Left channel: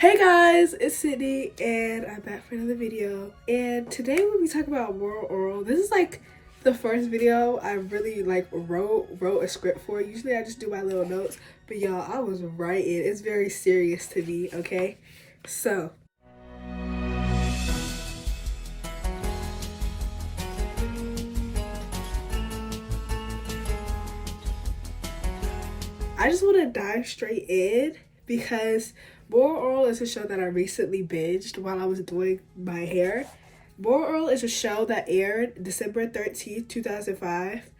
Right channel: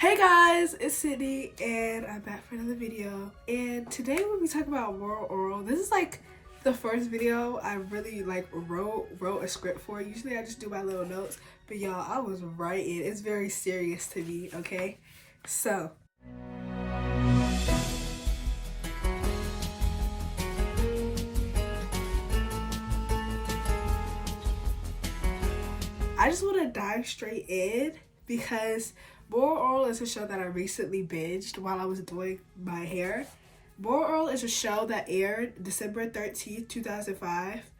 Hey guys, it's Sydney and I'm back for another video. And today we'll be talking about moral oral. This is like the first video I really wrote a script for. Usually I just do my little notes, but y'all, I was writing. It's very serious to me, okay? So I just want to dive straight in because Moral Orel is a show that I recently binged while I was doing my hair. Moral Orel is a show that aired December 13th, 2005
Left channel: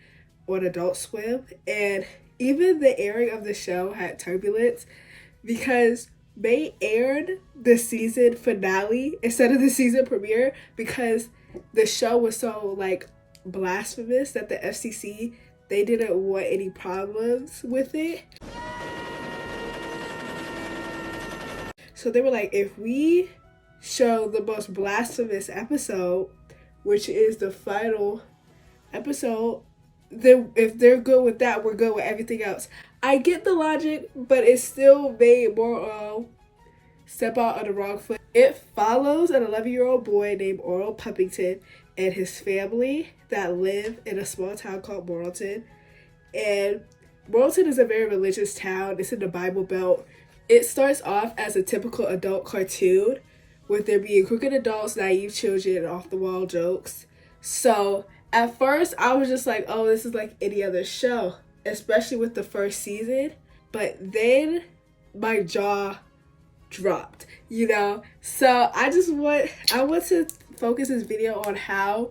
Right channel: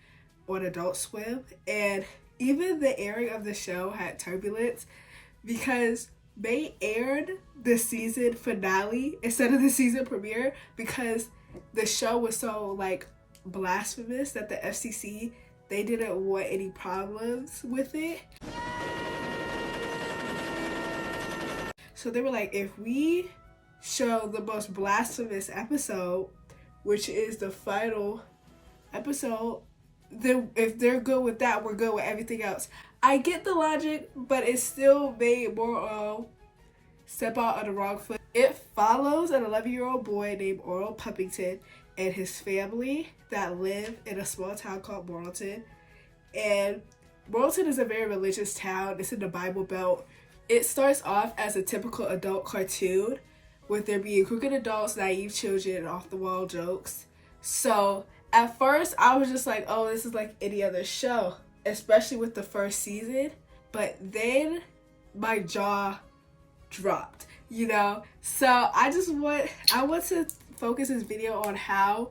on Adult Swim. And even the airing of the show had turbulence because they aired the season finale instead of the season premiere because the show was so blasphemous that the FCC, they didn't want any problems with it. So they were like, if we show the most blasphemous episode, which is the final episode, then if they're good with that, we're good with everything else. I get the logic, but it still made Orel step out on the wrong foot. It follows an 11-year-old boy named Orel Puppington and his family that live in a small town called Morrilton. And Morrilton is a very religious town. It's in the Bible Belt. It starts off as a typical adult cartoon with there being crooked adults, naive children, and off-the-wall jokes. So at first I was just like, oh, this is like any other show, especially with the first season. But then my jaw dropped, you know? So I want to focus this video on how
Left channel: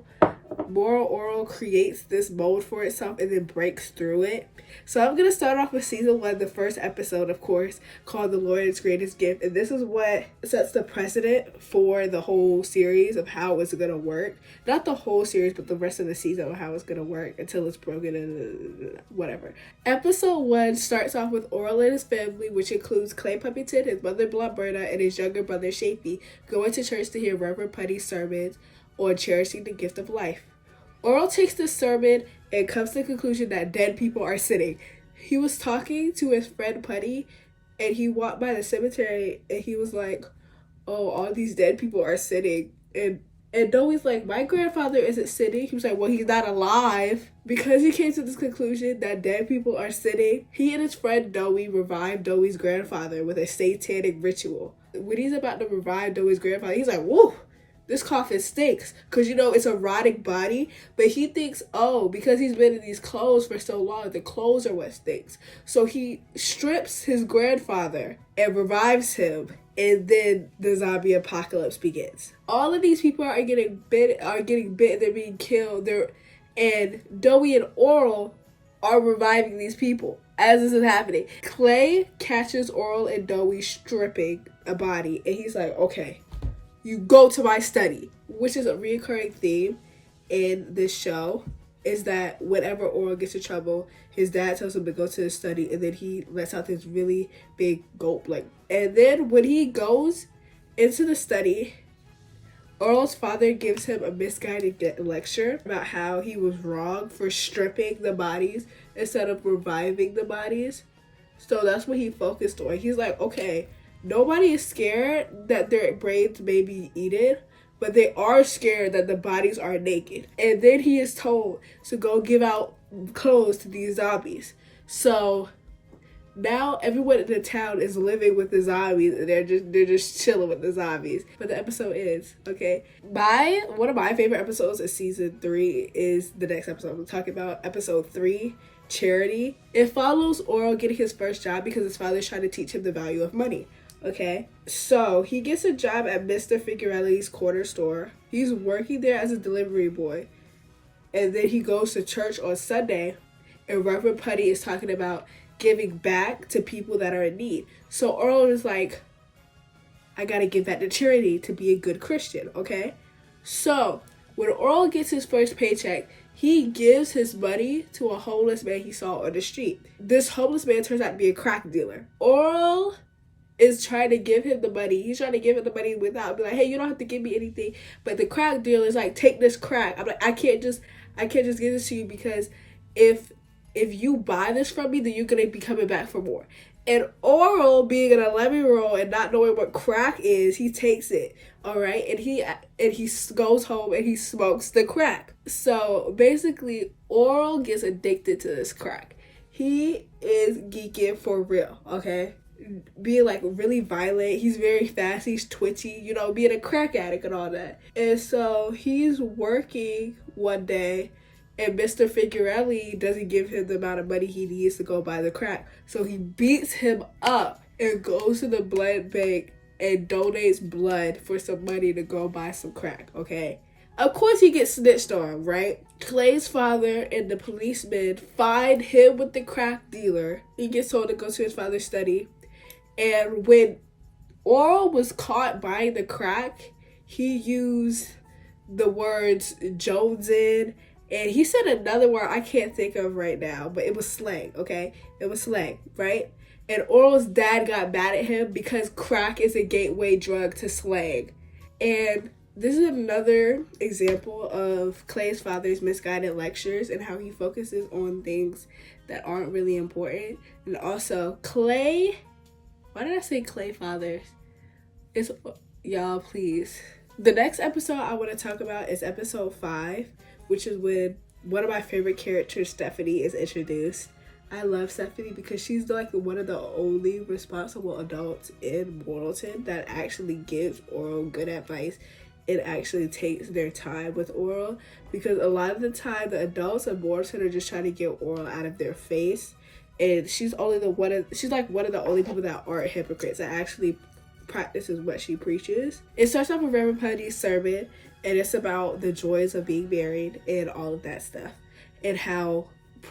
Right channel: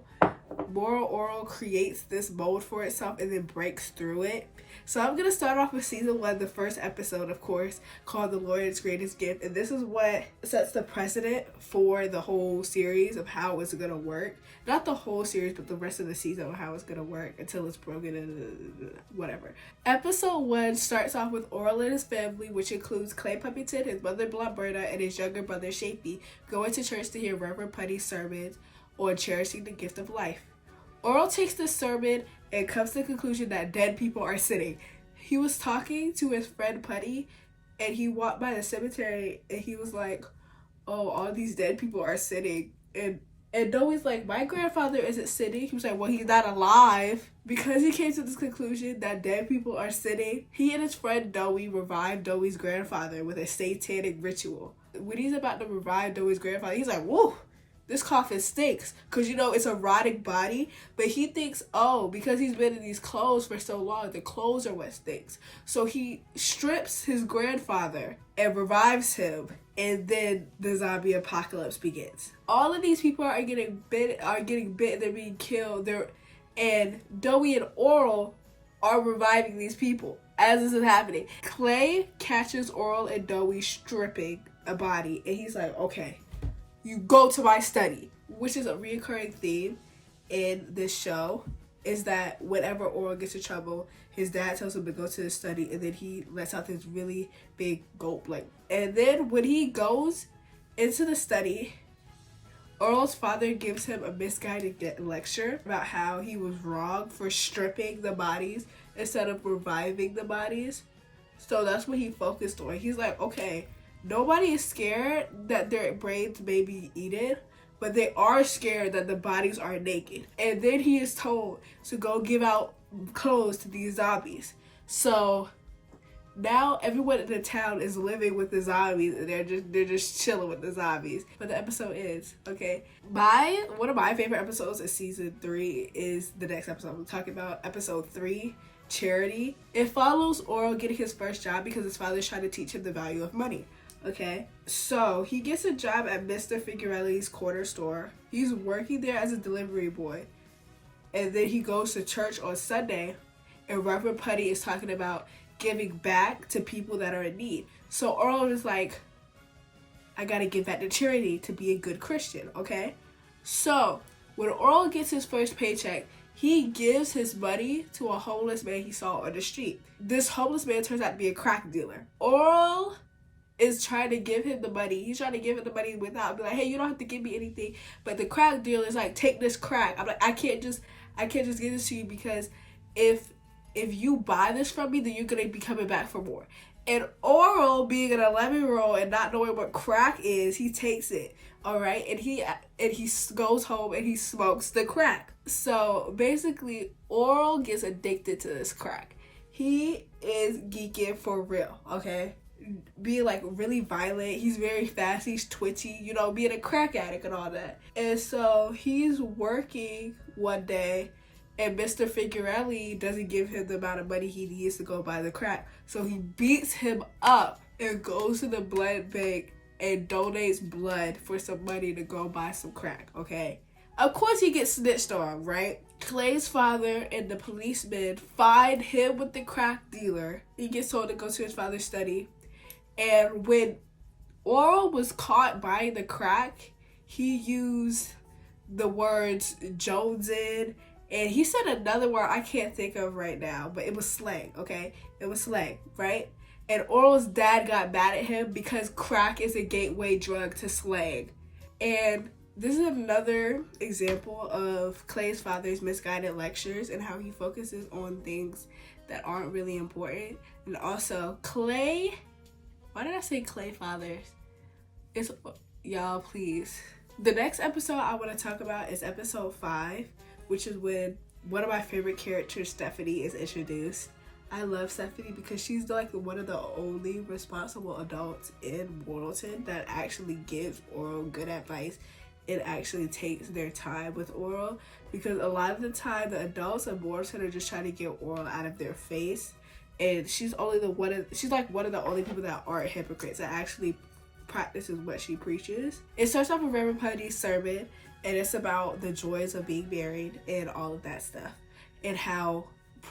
Moral Orel creates this mold for itself and then breaks through it. So I'm going to start off with season 1, the first episode, of course, called The Lord's Greatest Gift. And this is what sets the precedent for the whole series of how it's going to work. Not the whole series, but the rest of the season of how it's going to work until it's broken and whatever. Episode 1 starts off with Orel and his family, which includes Clay Puppington, his mother Blondedsydney, and his younger brother Shapey, going to church to hear Reverend Putty's sermons on cherishing the gift of life. Orel takes this sermon and comes to the conclusion that dead people are sinning. He was talking to his friend Putty, and he walked by the cemetery, and he was like, oh, all these dead people are sinning. And Doey's like, my grandfather isn't sinning. He was like, well, he's not alive. Because he came to this conclusion that dead people are sinning, he and his friend Doey revived Doey's grandfather with a satanic ritual. When he's about to revive Doey's grandfather, he's like, whoa, this coffin stinks, because it's a rotting body. But he thinks, oh, because he's been in these clothes for so long, the clothes are what stinks. So he strips his grandfather and revives him, and then the zombie apocalypse begins. All of these people are getting bit, they're being killed, and Doey and Orel are reviving these people as this is happening. Clay catches Orel and Doey stripping a body, and he's like, okay, you go to my study, which is a recurring theme in this show, is that whenever Orel gets in trouble, his dad tells him to go to the study, and then he lets out this really big gulp. And then when he goes into the study, Orel's father gives him a misguided lecture about how he was wrong for stripping the bodies instead of reviving the bodies. So that's what he focused on. He's like, okay, nobody is scared that their brains may be eaten, but they are scared that the bodies are naked. And then he is told to go give out clothes to these zombies. So now everyone in the town is living with the zombies, and they're just chilling with the zombies. But the episode ends, okay? One of my favorite episodes of season 3 is the next episode I'm talking about, episode 3, Charity. It follows Orel getting his first job because his father's trying to teach him the value of money. Okay, so he gets a job at Mr. Figurelli's corner store. He's working there as a delivery boy. And then he goes to church on Sunday, and Reverend Putty is talking about giving back to people that are in need. So Orel is like, I gotta give back to charity to be a good Christian, okay? So when Orel gets his first paycheck, he gives his money to a homeless man he saw on the street. This homeless man turns out to be a crack dealer. Orel is trying to give him the money. He's trying to give him the money without be like, hey, you don't have to give me anything. But the crack dealer is like, take this crack. I'm like, I can't just give this to you because if you buy this from me, then you're gonna be coming back for more. And Orel, being an 11-year-old and not knowing what crack is, he takes it. All right, and he goes home and he smokes the crack. So basically, Orel gets addicted to this crack. He is geeking for real. Okay, being like really violent. He's very fast. He's twitchy. You know, being a crack addict and all that. And so he's working one day, and Mr. Figurelli doesn't give him the amount of money he needs to go buy the crack. So he beats him up and goes to the blood bank and donates blood for some money to go buy some crack, okay? Of course he gets snitched on, right? Clay's father and the policeman find him with the crack dealer. He gets told to go to his father's study. And when Orel was caught buying the crack, he used the words Jonesin, and he said another word I can't think of right now, but it was slang, okay? It was slang, right? And Orel's dad got mad at him because crack is a gateway drug to slang. And this is another example of Clay's father's misguided lectures and how he focuses on things that aren't really important. And also, Clay, why did I say Clay fathers? It's, y'all, please. The next episode I want to talk about is episode 5, which is when one of my favorite characters, Stephanie, is introduced. I love Stephanie because she's like one of the only responsible adults in Morrilton that actually gives Orel good advice and actually takes their time with Orel, because a lot of the time the adults in Morrilton are just trying to get Orel out of their face, and she's like one of the only people that aren't hypocrites, that actually practices what she preaches. It starts off with Reverend Putty's sermon, and it's about the joys of being married and all of that stuff, and how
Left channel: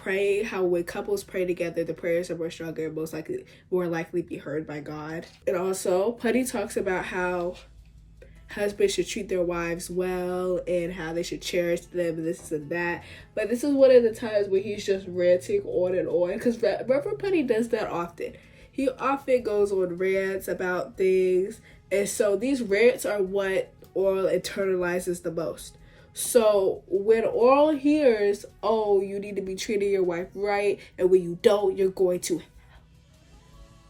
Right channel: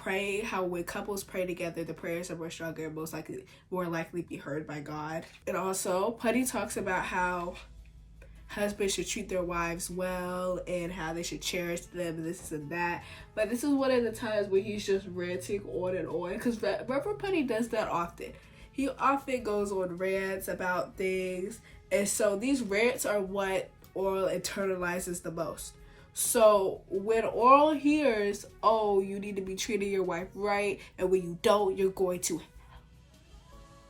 when couples pray together, the prayers are more stronger and more likely be heard by God. And also, Putty talks about how husbands should treat their wives well and how they should cherish them and this and that. But this is one of the times where he's just ranting on, because Reverend Putty does that often. He often goes on rants about things, and so these rants are what Orel internalizes the most. So when Orel hears, oh, you need to be treating your wife right, and when you don't, you're going to hell,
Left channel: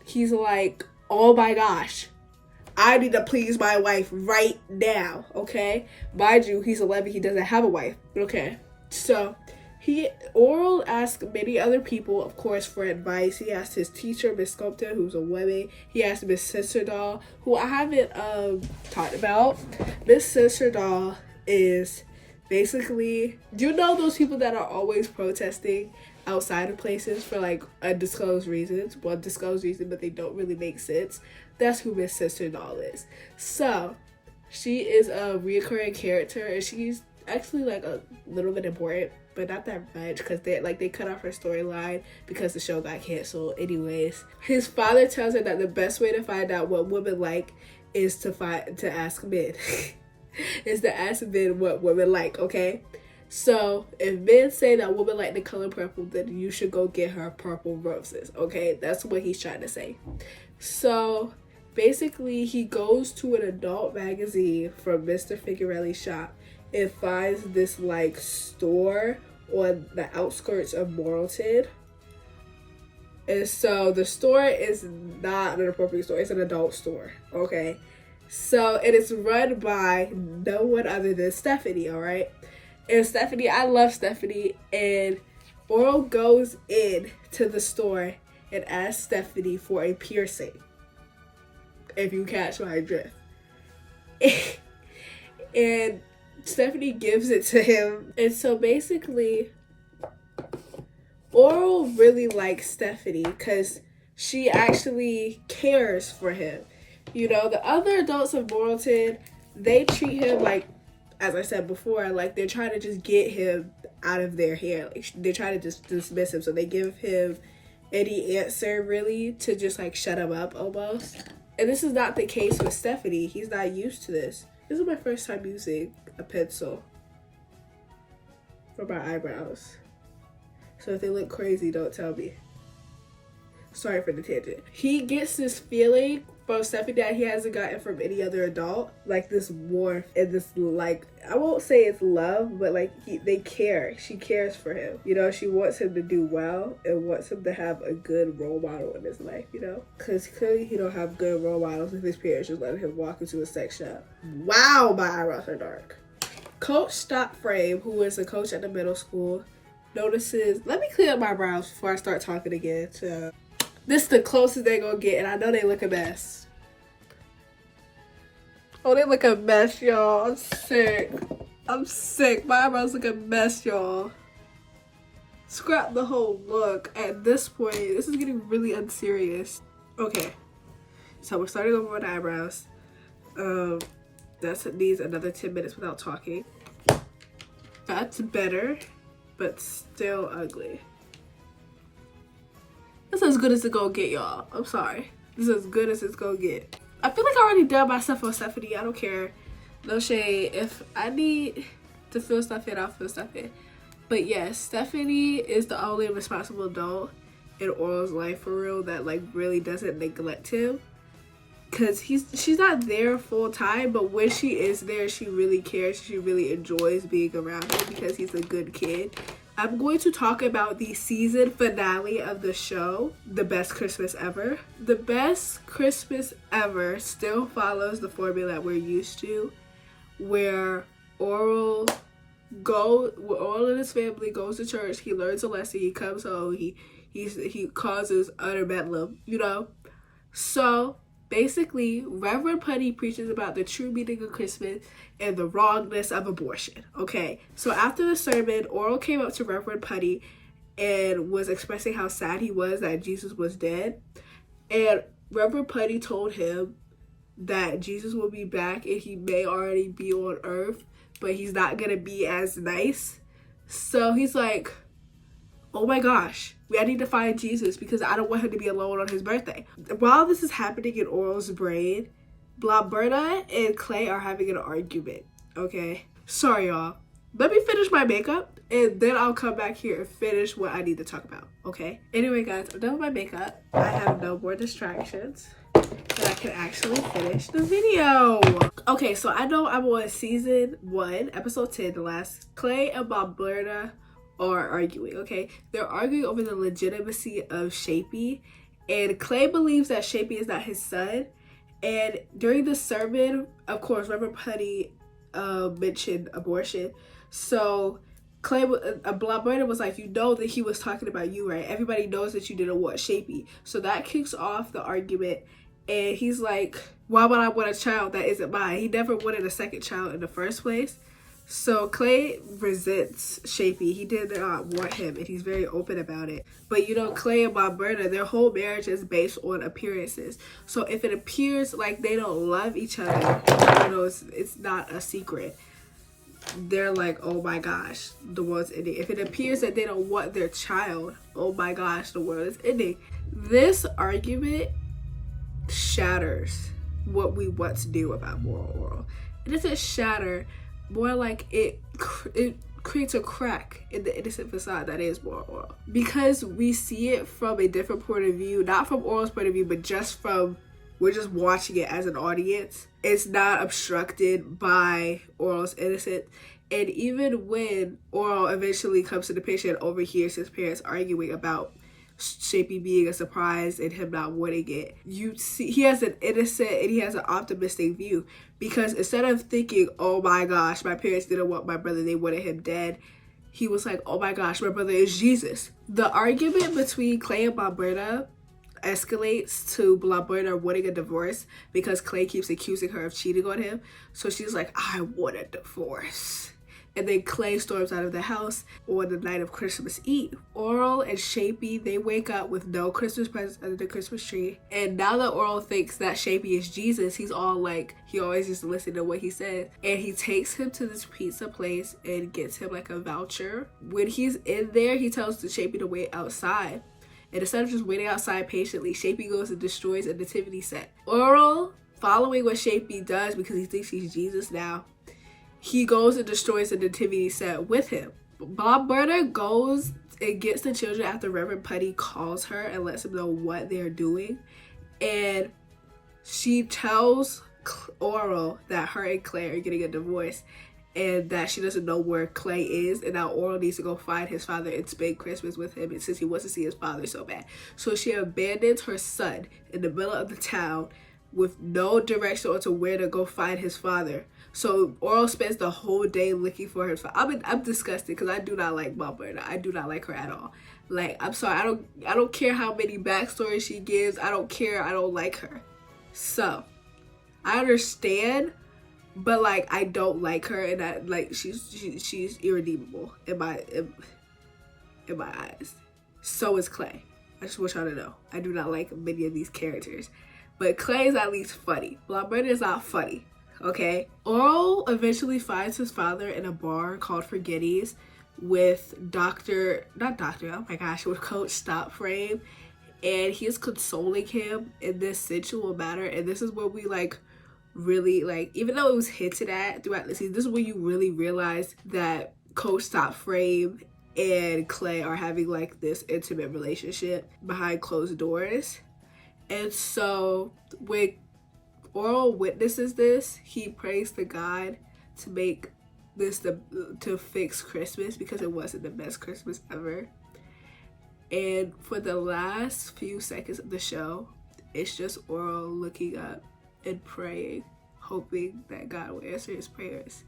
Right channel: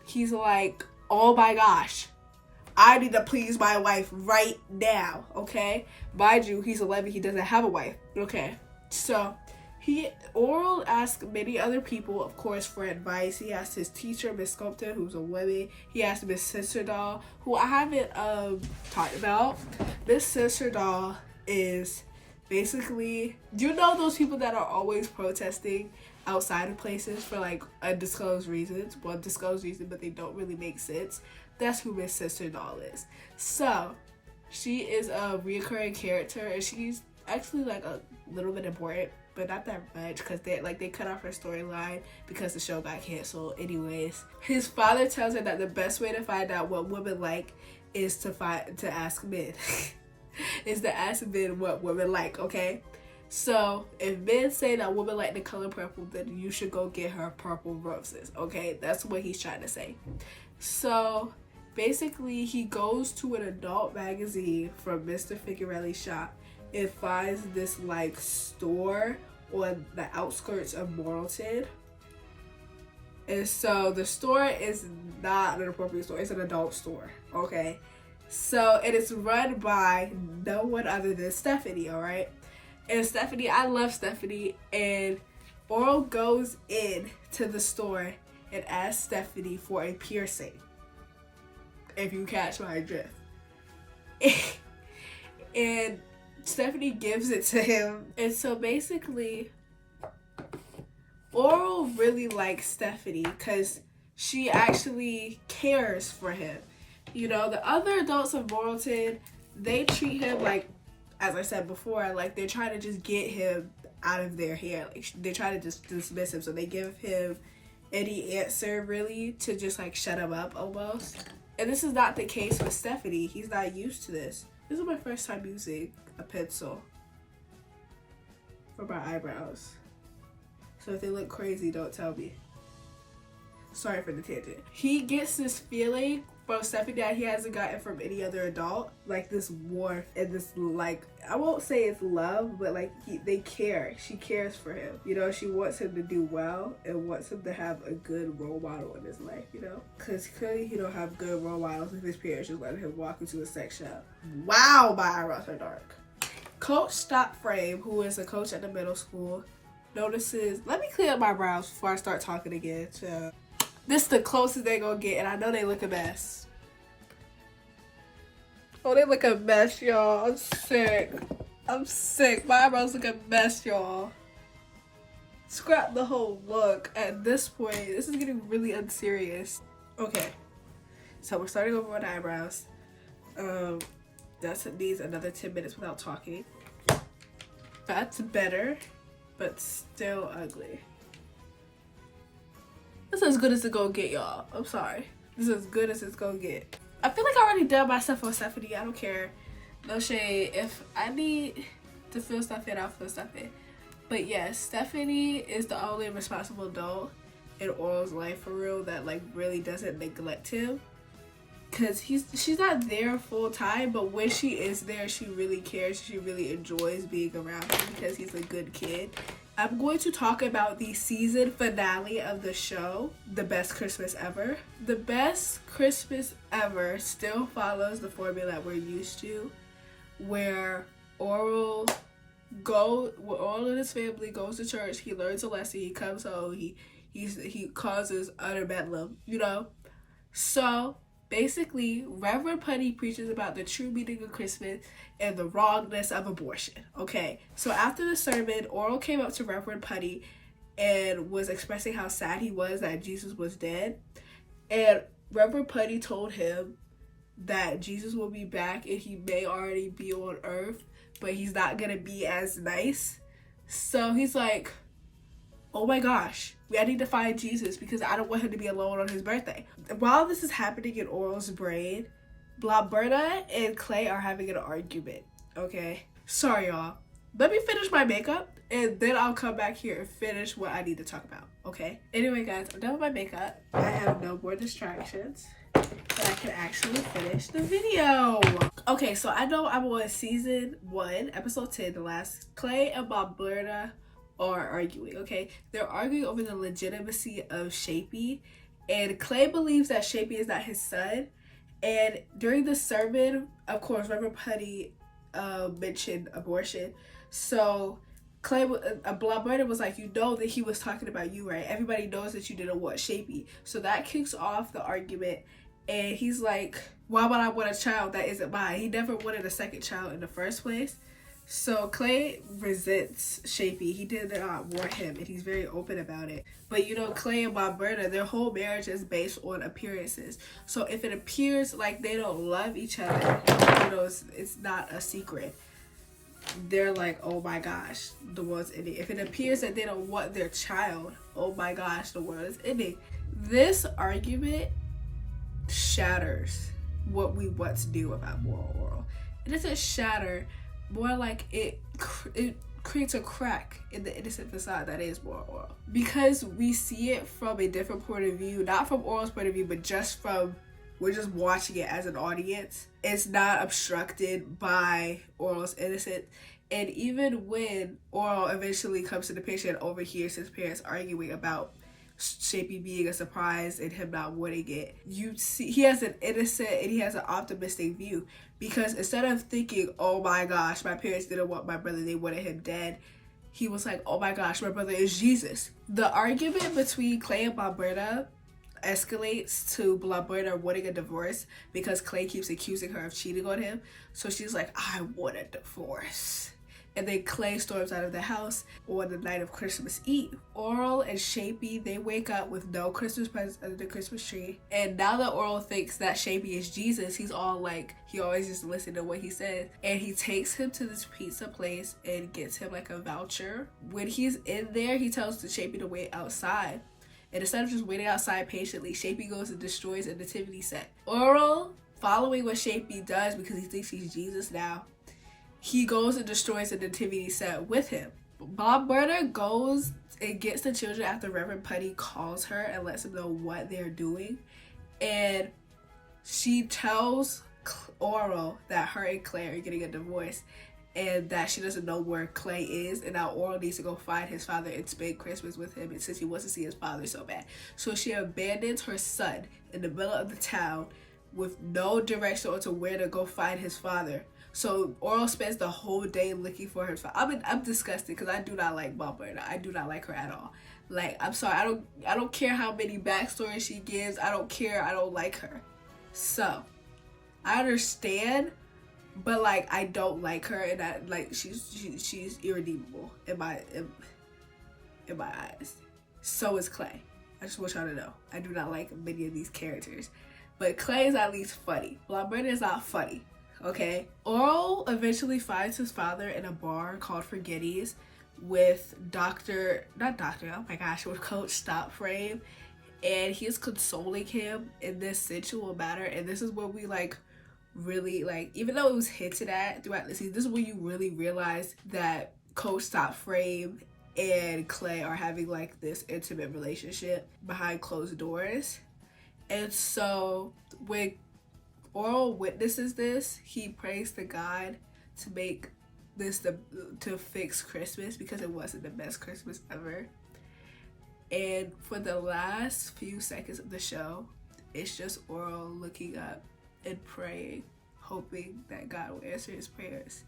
he's like, oh my gosh, I need to please my wife right now, okay? Mind you, he's 11, he doesn't have a wife, okay? So Orel asks many other people, of course, for advice. He asked his teacher, Miss Sculptor, who's a woman. He asked Miss Sisterdoll, who I haven't talked about. Miss Sisterdoll is basically, you know those people that are always protesting outside of places for like undisclosed reasons? Well, disclosed reasons, but they don't really make sense. That's who Miss Sisterdoll is. So she is a reoccurring character, and she's actually like a little bit important, but not that much, because they cut off her storyline because the show got canceled. Anyways, his father tells her that the best way to find out what women like is to ask men. Is to ask men what women like, okay? So if men say that women like the color purple, then you should go get her purple roses, okay? That's what he's trying to say. So basically, he goes to an adult magazine from Mr. Figurelli's shop and finds this like store on the outskirts of Morrilton. And so the store is not an appropriate store, it's an adult store, okay? So it is run by no one other than Stephanie, all right? And Stephanie, I love Stephanie, and Orel goes in to the store and asks Stephanie for a piercing, if you catch my drift. And Stephanie gives it to him. And so basically, Orel really likes Stephanie because she actually cares for him. You know, the other adults of Morrilton, they treat him like, as I said before, like they're trying to just get him out of their hair. Like they're trying to just dismiss him. So they give him any answer really to just like shut him up almost. And this is not the case with Stephanie. He's not used to this. This is my first time using a pencil for my eyebrows. So if they look crazy, don't tell me. Sorry for the tangent. He gets this feeling from Stephanie that he hasn't gotten from any other adult. Like this warmth and this, like, I won't say it's love, but like they care. She cares for him. You know, she wants him to do well and wants him to have a good role model in his life, you know? Because clearly he don't have good role models if his parents just letting him walk into a sex shop. Wow, my eyebrows are dark. Coach Stop Frame, who is a coach at the middle school, notices, let me clear up my brows before I start talking again. So, this is the closest they gonna get, and I know they look a mess. Oh, they look a mess, y'all. I'm sick. I'm sick. My eyebrows look a mess, y'all. Scrap the whole look. At this point, this is getting really unserious. Okay, so we're starting over on the eyebrows. That needs another 10 minutes without talking. That's better, but still ugly. This is as good as it's gonna get, y'all. I'm sorry. This is as good as it's gonna get. I feel like I already done my stuff on Stephanie. I don't care. No shade. If I need to fill stuff in, I'll fill stuff in. But yes, Stephanie is the only responsible adult in Orel's life for real that like really doesn't neglect him. Cause she's not there full time, but when she is there, she really cares. She really enjoys being around him because he's a good kid. I'm going to talk about the season finale of the show, The Best Christmas Ever. The Best Christmas Ever still follows the formula that we're used to, where Orel and his family goes to church, he learns a lesson, he comes home, he causes utter bedlam, you know? So basically, Reverend Putty preaches about the true meaning of Christmas and the wrongness of abortion, okay? So after the sermon, Orel came up to Reverend Putty and was expressing how sad he was that Jesus was dead. And Reverend Putty told him that Jesus will be back and he may already be on earth, but he's not gonna be as nice. So he's like, oh my gosh, I need to find Jesus because I don't want him to be alone on his birthday. While this is happening in Orel's brain, Blondedsydney and Clay are having an argument, okay? Sorry, y'all. Let me finish my makeup and then I'll come back here and finish what I need to talk about, okay? Anyway, guys, I'm done with my makeup. I have no more distractions, so I can actually finish the video. Okay, so I know I'm on season 1, episode 10, the last. Clay and Blondedsydney are arguing, okay? They're arguing over the legitimacy of Shapey, and Clay believes that Shapey is not his son. And during the sermon, of course, Reverend Putty mentioned abortion. So Clay, Blondedsydney was like, you know that he was talking about you, right? Everybody knows that you didn't want Shapey. So that kicks off the argument. And he's like, why would I want a child that isn't mine? He never wanted a second child in the first place. So Clay resents Shapey. He did not want him, and he's very open about it. But you know, Clay and Blondedsydney, their whole marriage is based on appearances. So if it appears like they don't love each other, you know, it's not a secret. They're like, oh my gosh, the world's ending. If it appears that they don't want their child, oh my gosh, the world is ending. This argument shatters what we once knew about moral Orel. It doesn't shatter, more like it creates a crack in the innocent facade that is moral Orel. Because we see it from a different point of view, not from Orel's point of view, but just from, we're just watching it as an audience. It's not obstructed by Orel's innocence. And even when Orel eventually comes to the picture and overhears his parents arguing about Shapey being a surprise and him not wanting it, you see he has an innocent and he has an optimistic view, because instead of thinking, oh my gosh, my parents didn't want my brother, they wanted him dead, he was like, oh my gosh, my brother is Jesus. The argument between Clay and Blondedsydney escalates to Blondedsydney wanting a divorce because Clay keeps accusing her of cheating on him. So she's like, I want a divorce. And then Clay storms out of the house on the night of Christmas Eve. Orel and Shapey, they wake up with no Christmas presents under the Christmas tree. And now that Orel thinks that Shapey is Jesus, he's all like, he always just listens to what he said. And he takes him to this pizza place and gets him like a voucher. When he's in there, he tells the Shapey to wait outside. And instead of just waiting outside patiently, Shapey goes and destroys a nativity set. Orel, following what Shapey does because he thinks he's Jesus now, he goes and destroys the nativity set with him. Blondedsydney goes and gets the children after Reverend Putty calls her and lets him know what they're doing. And she tells Orel that her and Clay are getting a divorce and that she doesn't know where Clay is, and now Orel needs to go find his father and spend Christmas with him, and since he wants to see his father so bad. So she abandons her son in the middle of the town with no direction onto where to go find his father. So Orel spends the whole day looking for his father. I'm disgusted because I do not like Mama. I do not like her at all. Like, I'm sorry, I don't care how many backstories she gives. I don't care. I don't like her. So I understand, but like, I don't like her, and that, like, she's irredeemable in my eyes. So is Clay. I just want y'all to know, I do not like many of these characters, but Clay is at least funny. Blondedsydney is not funny. Okay. Orel eventually finds his father in a bar called Forgetties with with Coach Stop Frame, and he is consoling him in this sensual manner. And this is where we like really, like, even though it was hinted at throughout the season, this is when you really realize that Coach Stop Frame and Clay are having like this intimate relationship behind closed doors. And so when Orel witnesses this, he prays to God to make this to fix Christmas, because it wasn't the best Christmas ever. And for the last few seconds of the show, it's just Orel looking up and praying, hoping that God will answer his prayers.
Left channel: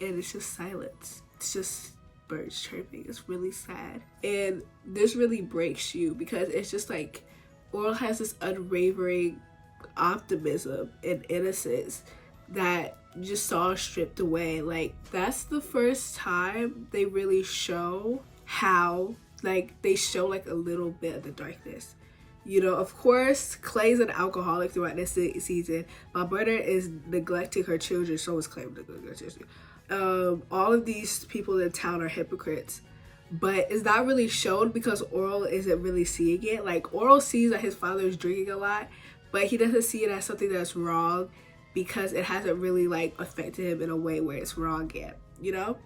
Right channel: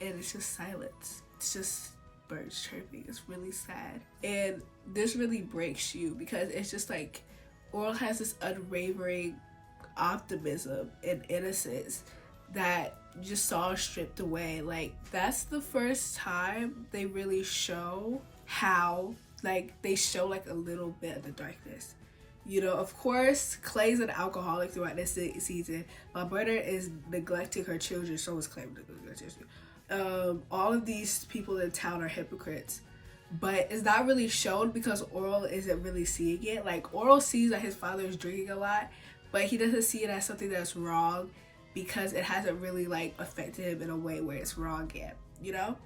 And it's just silence. It's just birds chirping. It's really sad. And this really breaks you, because it's just like Orel has this unwavering optimism and innocence that just saw stripped away. Like, that's the first time they really show how, like, they show like a little bit of the darkness. You know, of course, Clay's an alcoholic throughout this season. My brother is neglecting her children. So is Clay neglecting her children. All of these people in town are hypocrites, but it's not really shown because Orel isn't really seeing it. Like, Orel sees that his father is drinking a lot, but he doesn't see it as something that's wrong because it hasn't really like affected him in a way where it's wrong yet, you know?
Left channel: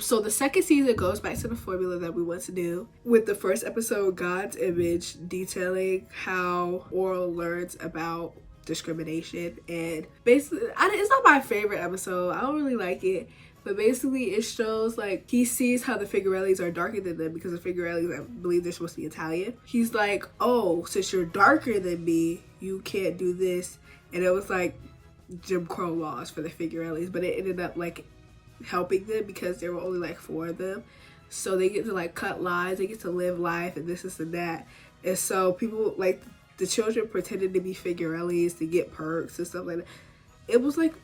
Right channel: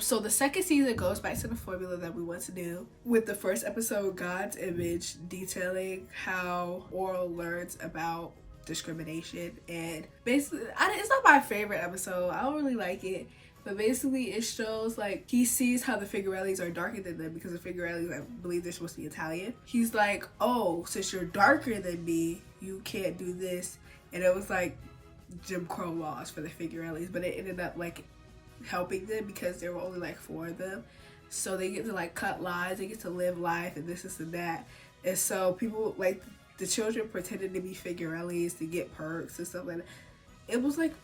So the second season goes back to the formula that we once knew, with the first episode, God's Image, detailing how Orel learns about discrimination. And basically, it's not my favorite episode. I don't really like it. But basically, it shows, like, he sees how the Figurellis are darker than them, because the Figurellis, I believe they're supposed to be Italian. He's like, oh, since you're darker than me, you can't do this. And it was like Jim Crow laws for the Figurellis, but it ended up like helping them because there were only like 4 of them. So they get to like cut lines, they get to live life, and this and that. And so people, like, the children pretended to be Figurellis to get perks and stuff like that. It was like,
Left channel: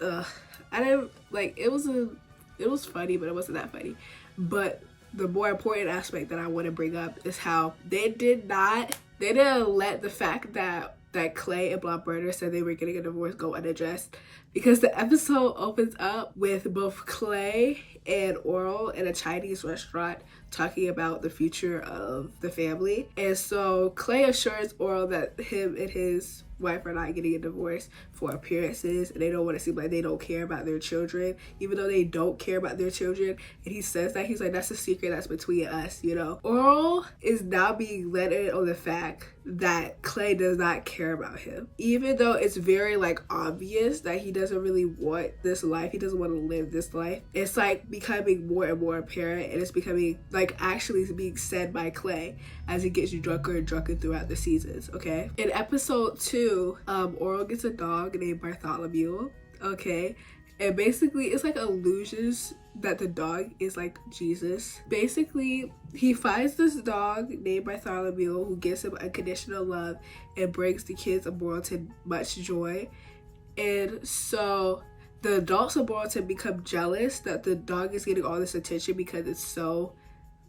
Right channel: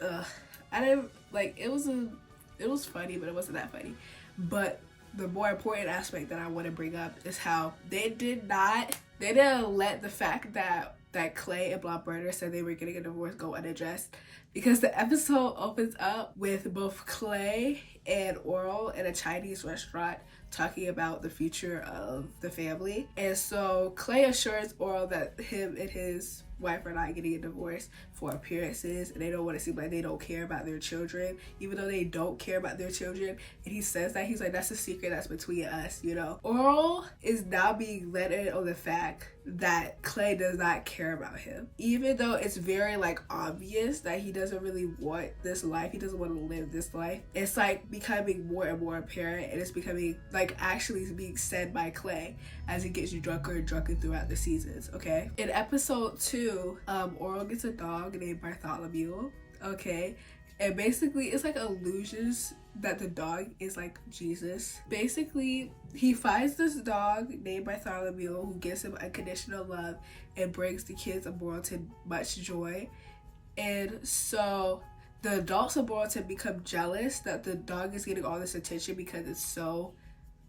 I didn't like, it was funny, but it wasn't that funny. But the more important aspect that I want to bring up is how they didn't let the fact that Clay and Blondedsydney said they were getting a divorce go unaddressed, because the episode opens up with both Clay and Orel in a Chinese restaurant talking about the future of the family. And so Clay assures Orel that him and his wife are not getting a divorce for appearances, and they don't want to seem like they don't care about their children, even though they don't care about their children. And he says that, he's like, that's a secret that's between us, you know. Orel is now being let in on the fact that Clay does not care about him, even though it's very like obvious that he doesn't really want this life. He doesn't want to live this life. It's like becoming more and more apparent, and it's becoming like actually being said by Clay as he gets drunker and drunker throughout the seasons. Okay, in episode 2, Orel gets a dog named Bartholomew. Okay, and basically it's like illusions that the dog is like Jesus. Basically, he finds this dog named Bartholomew who gives him unconditional love and brings the kids of Morelton much joy. And so the adults of Morelton become jealous that the dog is getting all this attention because it's so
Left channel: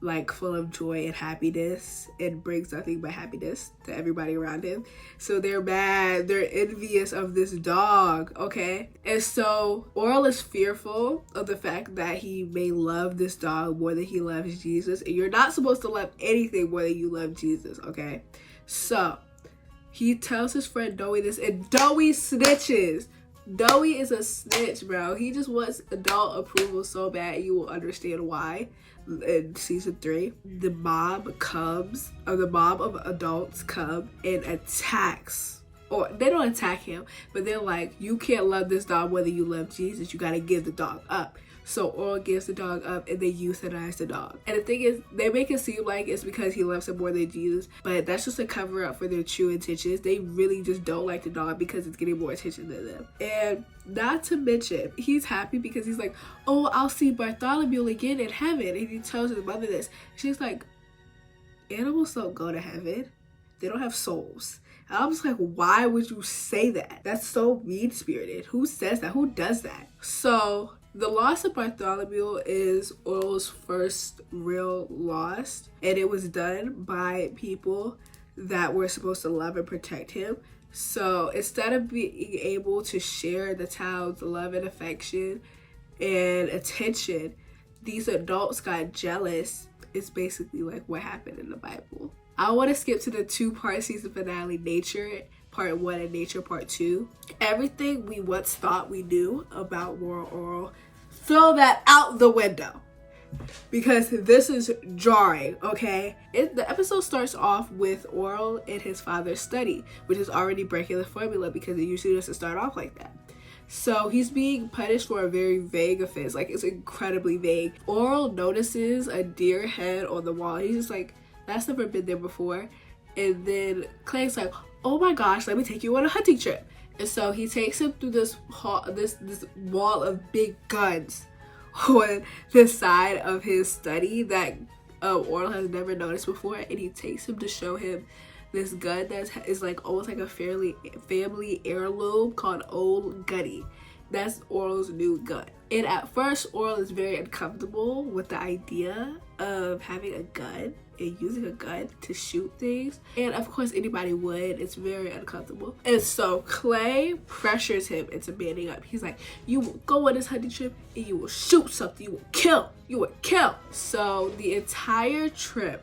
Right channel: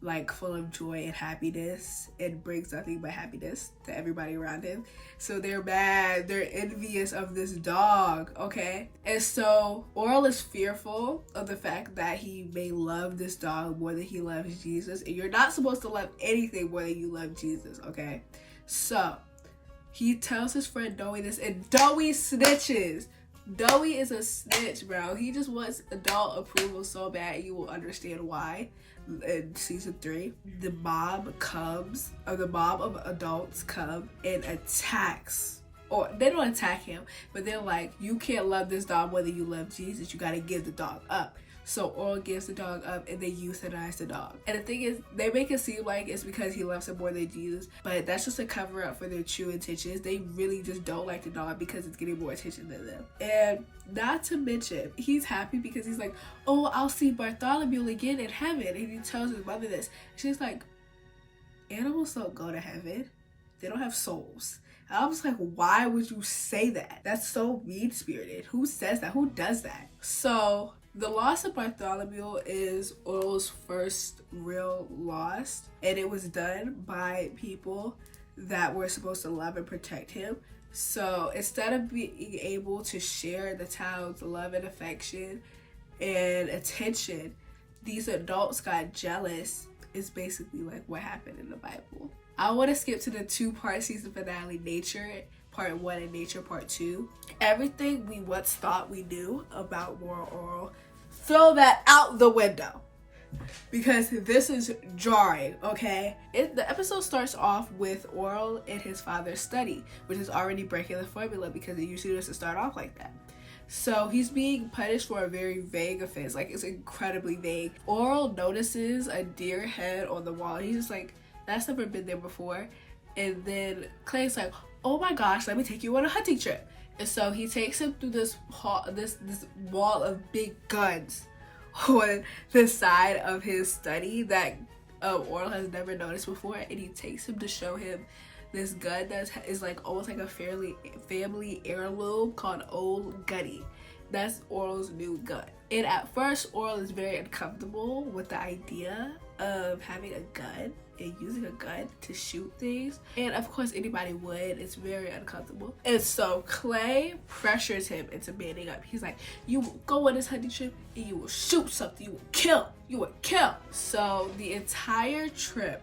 like full of joy and happiness and brings nothing but happiness to everybody around him. So they're mad, they're envious of this dog, okay? And so Orel is fearful of the fact that he may love this dog more than he loves Jesus, and you're not supposed to love anything more than you love Jesus, okay? So he tells his friend Dowie this, and Dowie snitches. Doey is a snitch, bro. He just wants adult approval so bad. You will understand why. In season 3, the mob of adults come and attacks, or they don't attack him, but they're like, you can't love this dog whether you love Jesus. You gotta give the dog up. So Orel gives the dog up and they euthanize the dog. And the thing is, they make it seem like it's because he loves him more than Jesus, but that's just a cover up for their true intentions. They really just don't like the dog because it's getting more attention than them. And not to mention, he's happy because he's like, oh, I'll see Bartholomew again in heaven. And he tells his mother this. She's like, animals don't go to heaven. They don't have souls. And I was like, why would you say that? That's so mean-spirited. Who says that? Who does that? So the loss of Bartholomew is Orel's first real loss, and it was done by people that were supposed to love and protect him. So instead of being able to share the town's love and affection and attention, these adults got jealous. Is basically like what happened in the Bible. I want to skip to the 2-part season finale, Nature Part 1 and Nature Part 2. Everything we once thought we knew about Orel, throw that out the window. Because this is jarring, okay? The episode starts off with Orel in his father's study, which is already breaking the formula because it usually doesn't start off like that. So he's being punished for a very vague offense. Like, it's incredibly vague. Orel notices a deer head on the wall. He's just like, that's never been there before. And then Clay's like, oh my gosh, let me take you on a hunting trip. And so he takes him through this wall of big guns on the side of his study that Orel has never noticed before. And he takes him to show him this gun that is like almost like a family heirloom called Old Gunny. That's Orel's new gun. And at first, Orel is very uncomfortable with the idea of having a gun and using a gun to shoot things. And of course, anybody would. It's very uncomfortable. And so Clay pressures him into manning up. He's like, you will go on this hunting trip and you will shoot something. You will kill. You will kill. So the entire trip,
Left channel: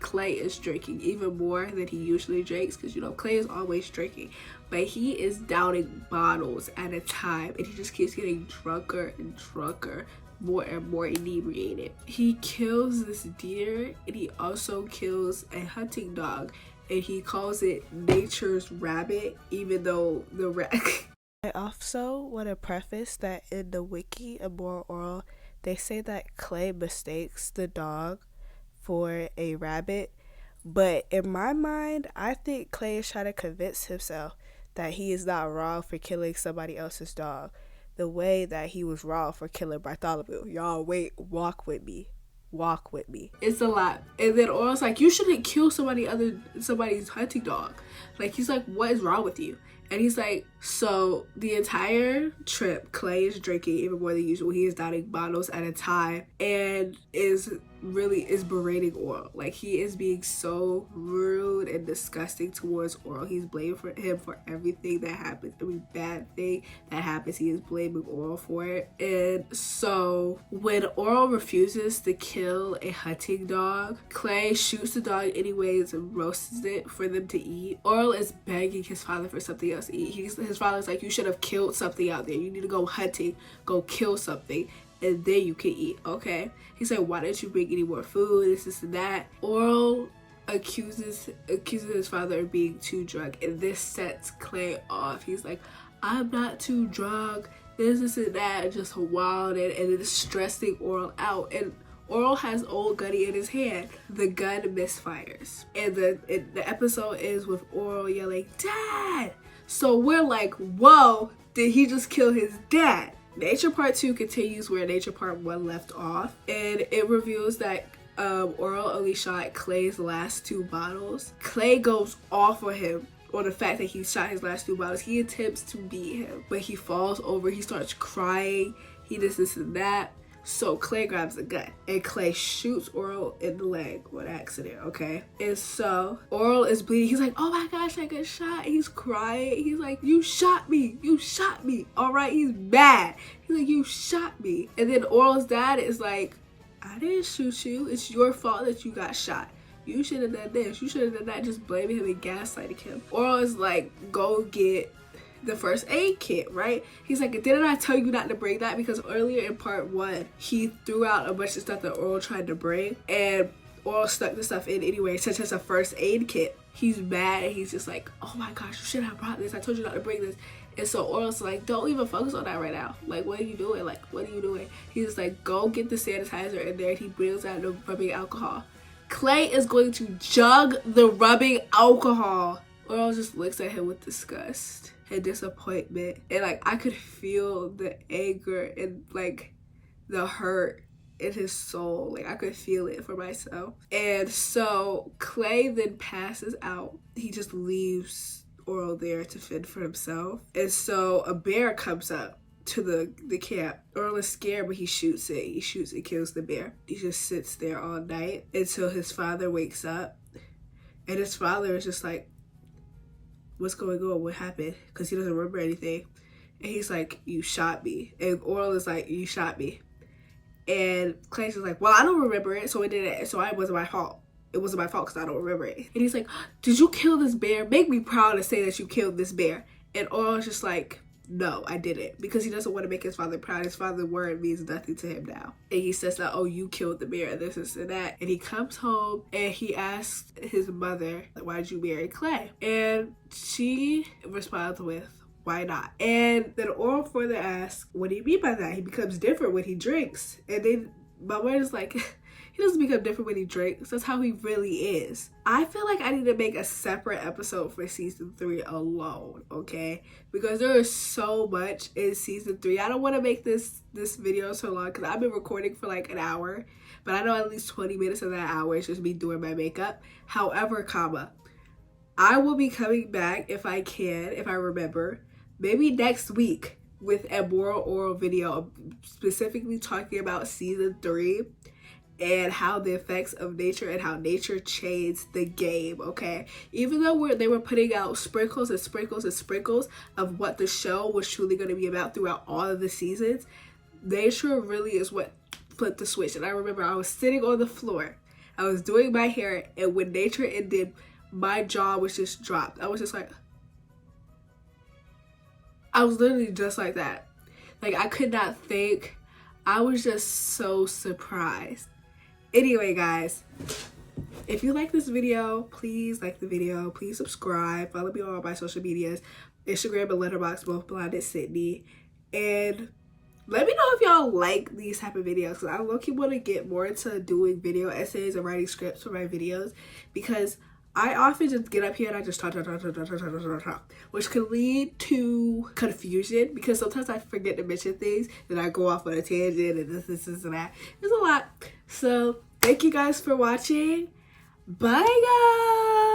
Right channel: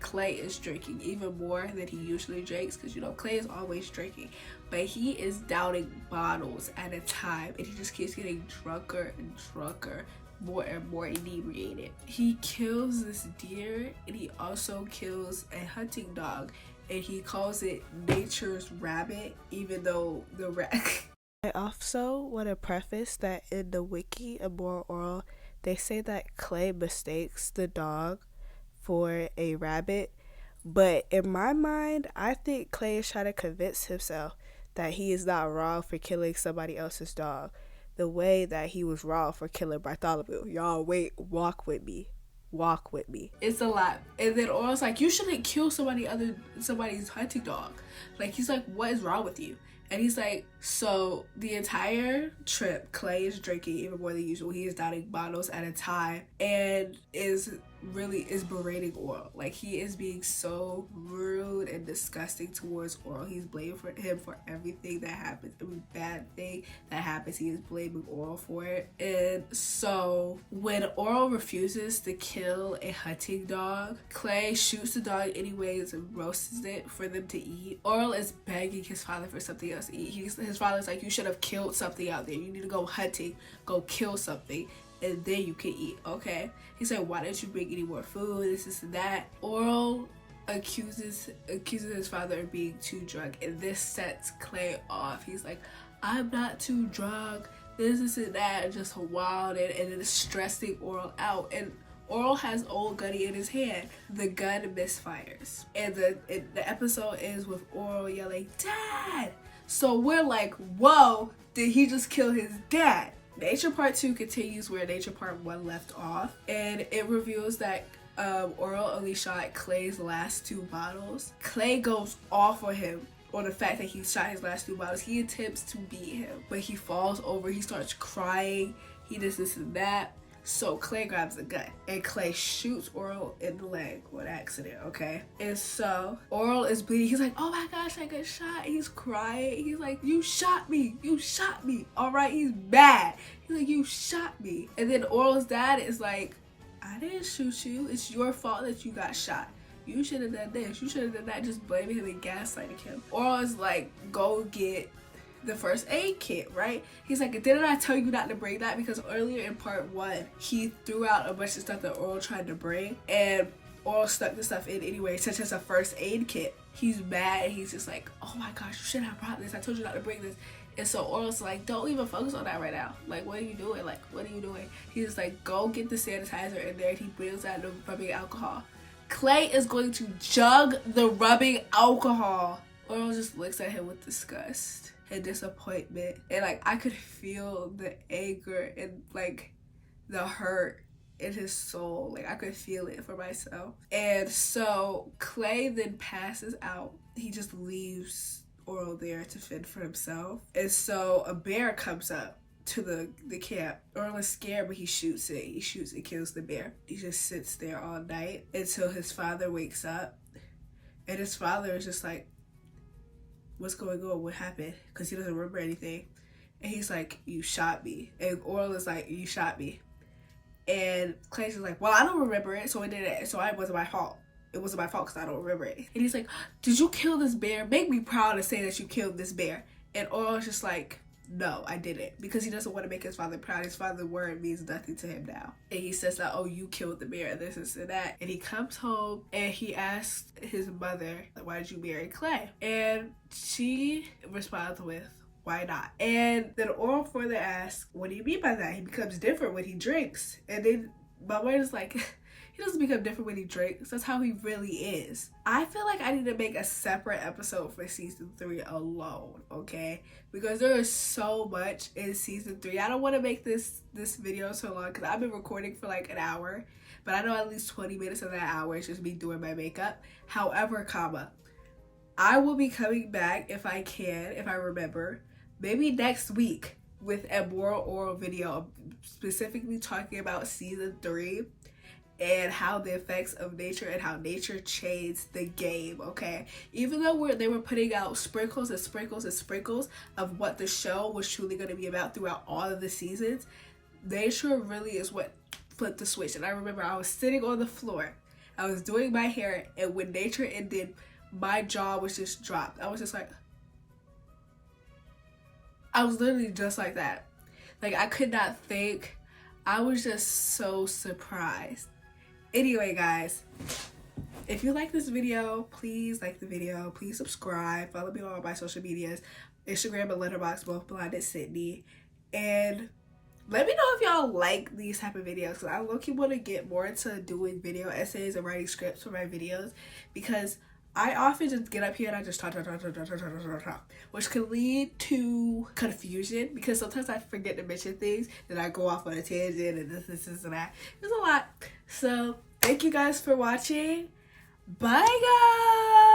Clay is drinking even more than he usually drinks, because, you know, Clay is always drinking, but he is downing bottles at a time, and he just keeps getting drunker and drunker, more and more inebriated. He kills this deer, and he also kills a hunting dog, and he calls it nature's rabbit, even though the I also want to preface that in the wiki of Orel, they say that Clay mistakes the dog for a rabbit, but in my mind, I think Clay is trying to convince himself that he is not wrong for killing somebody else's dog the way that he was wrong for killing Bartholomew. Y'all wait, walk with me. It's a lot. And then Orel's like, you shouldn't kill somebody's hunting dog. Like, he's like, what is wrong with you? And he's like, so the entire trip, Clay is drinking even more than usual. He is downing bottles at a time and is berating Orel. Like, he is being so rude and disgusting towards Orel. He's blaming him for everything that happens. Every bad thing that happens, he is blaming Orel for it. And so when Orel refuses to kill a hunting dog, Clay shoots the dog anyways and roasts it for them to eat. Orel is begging his father for something else to eat. His father's like, you should have killed something out there. You need to go hunting, go kill something, and then you can eat, okay? He's like, why didn't you bring any more food, this and that? Orel accuses his father of being too drunk, and this sets Clay off. He's like, I'm not too drunk, this and that, and just wild, and it is stressing Orel out. And Orel has Old Gunny in his hand. The gun misfires, and the episode ends with Orel yelling, Dad! So we're like, whoa, did he just kill his dad? Nature Part 2 continues where Nature Part 1 left off, and it reveals that Orel only shot Clay's last 2 bottles. Clay goes off on him on the fact that he shot his last 2 bottles. He attempts to beat him, but he falls over, he starts crying, he does this and that. So Clay grabs a gun and Clay shoots Orel in the leg on accident, okay? And so Orel is bleeding. He's like, oh my gosh, I got shot. He's crying. He's like, you shot me. All right, he's mad. He's like, you shot me. And then Orel's dad is like, I didn't shoot you. It's your fault that you got shot. You should have done this. You should have done that. Just blaming him and gaslighting him. Orel is like, go get the first aid kit, right? He's like, didn't I tell you not to bring that? Because earlier in part 1, he threw out a bunch of stuff that Orel tried to bring, and Orel stuck the stuff in anyway, such as a first aid kit. He's mad and he's just like, oh my gosh, you should have brought this. I told you not to bring this. And so Orel's like, don't even focus on that right now. Like, what are you doing? Like, what are you doing? He's just like, go get the sanitizer in there. And he brings out the rubbing alcohol. Clay is going to jug the rubbing alcohol. Orel just looks at him with disgust and disappointment. And like, I could feel the anger and like the hurt in his soul. Like, I could feel it for myself. And so Clay then passes out. He just leaves Orel there to fend for himself. And so a bear comes up to the camp. Orel is scared, but he shoots it. He shoots and kills the bear. He just sits there all night until his father wakes up. And his father is just like, what's going on? What happened? Because he doesn't remember anything. And he's like, you shot me. And Orel is like, you shot me. And Clay's just like, well, I don't remember it, so it wasn't my fault. It wasn't my fault because I don't remember it. And he's like, did you kill this bear? Make me proud to say that you killed this bear. And Orel's just like, no, I didn't. Because he doesn't want to make his father proud. His father's word means nothing to him now. And he says that, oh, you killed the bear, this and that. And he comes home and he asks his mother, why did you marry Clay? And she responds with, why not? And then Orel further asks, what do you mean by that? He becomes different when he drinks. And then my mother is like, he doesn't become different when he drinks. That's how he really is. I feel like I need to make a separate episode for season 3 alone, okay? Because there is so much in season 3. I don't want to make this video so long because I've been recording for like an hour. But I know at least 20 minutes of that hour is just me doing my makeup. However, I will be coming back if I can, if I remember, maybe next week with a more Orel video specifically talking about season 3 and how the effects of nature and how nature changed the game, okay? Even though they were putting out sprinkles and sprinkles and sprinkles of what the show was truly going to be about throughout all of the seasons, nature really is what flipped the switch. And I remember I was sitting on the floor, I was doing my hair, and when nature ended, my jaw was just dropped. I was just like, I was literally just like that. Like, I could not think. I was just so surprised. Anyway, guys, if you like this video, please like the video. Please subscribe. Follow me on all my social medias. Instagram and letterboxd, both blondedsydney. And let me know if y'all like these type of videos, because I low-key want to get more into doing video essays and writing scripts for my videos, because I often just get up here and I just talk, which can lead to confusion, because sometimes I forget to mention things and I go off on a tangent and this and that. There's a lot. So thank you guys for watching. Bye, guys.